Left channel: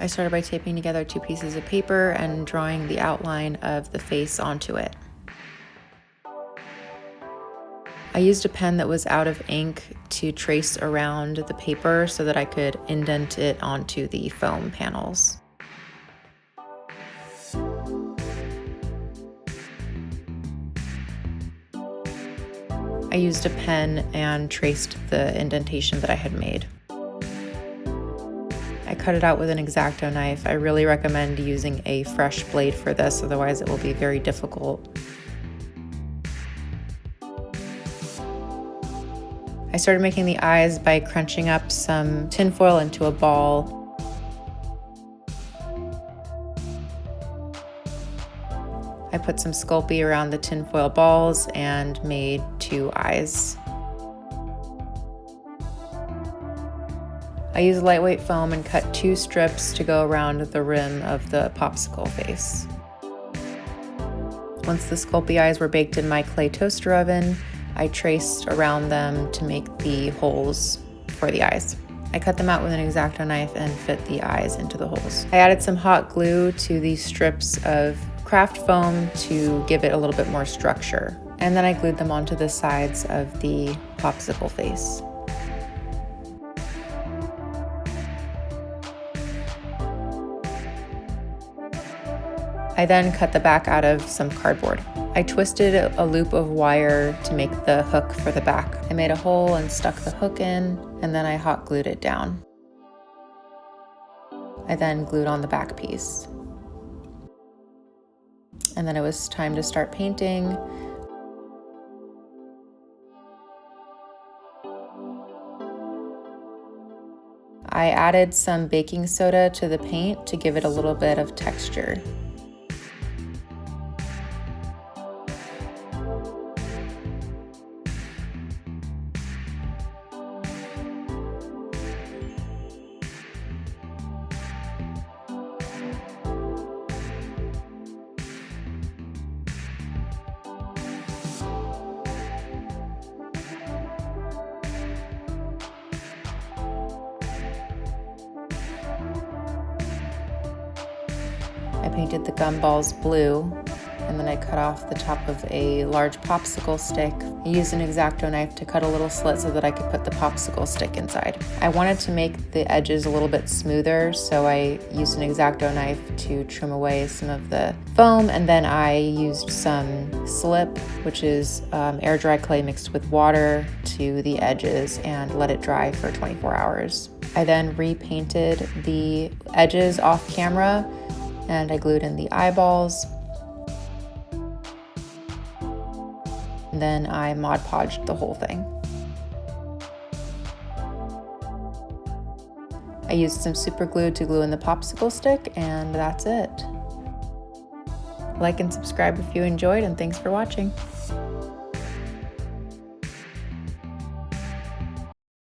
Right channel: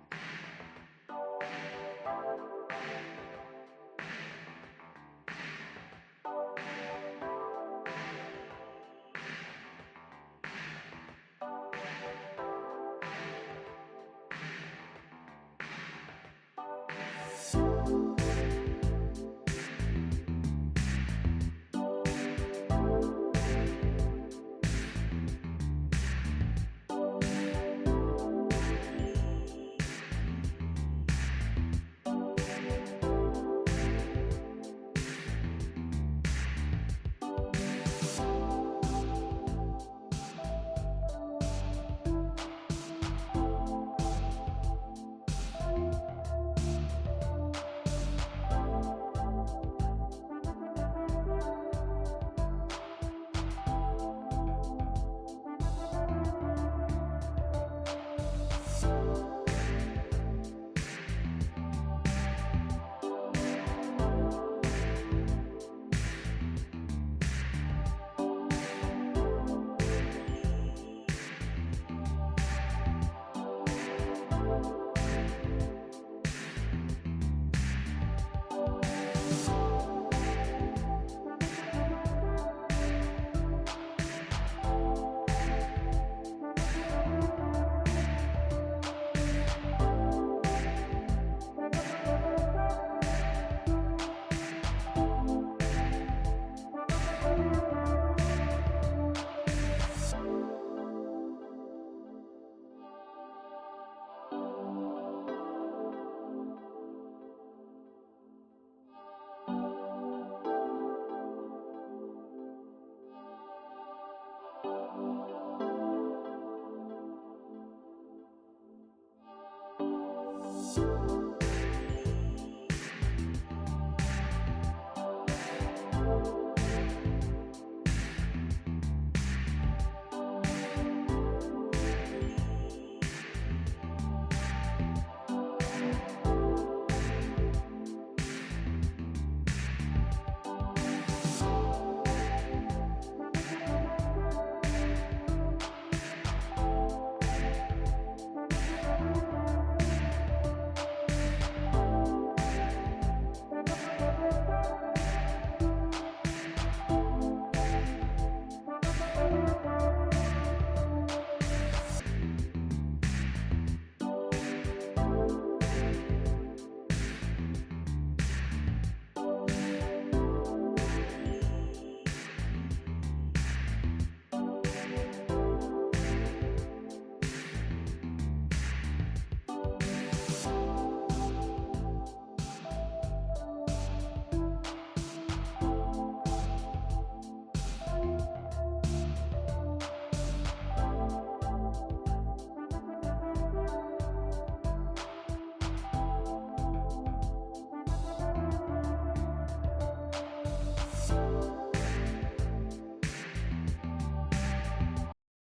I started by taping together 2 pieces of paper and drawing the outline of the face onto it. I used a pen that was out of ink to trace around the paper so that I could indent it onto the foam panels. I used a pen and traced the indentation that I had made. I cut it out with an X-Acto knife. I really recommend using a fresh blade for this, otherwise it will be very difficult. I started making the eyes by crunching up some tinfoil into a ball. I put some Sculpey around the tinfoil balls and made 2 eyes. I used lightweight foam and cut 2 strips to go around the rim of the popsicle face. Once the Sculpey eyes were baked in my clay toaster oven, I traced around them to make the holes for the eyes. I cut them out with an X-Acto knife and fit the eyes into the holes. I added some hot glue to these strips of craft foam to give it a little bit more structure. And then I glued them onto the sides of the popsicle face. I then cut the back out of some cardboard. I twisted a loop of wire to make the hook for the back. I made a hole and stuck the hook in, and then I hot glued it down. I then glued on the back piece. And then it was time to start painting. I added some baking soda to the paint to give it a little bit of texture. Painted the gumballs blue, and then I cut off the top of a large popsicle stick. I used an X-Acto knife to cut a little slit so that I could put the popsicle stick inside. I wanted to make the edges a little bit smoother, so I used an X-Acto knife to trim away some of the foam, and then I used some slip, which is air dry clay mixed with water, to the edges and let it dry for 24 hours. I then repainted the edges off camera, and I glued in the eyeballs. And then I Mod Podged the whole thing. I used some super glue to glue in the popsicle stick, and that's it. Like and subscribe if you enjoyed, and thanks for watching.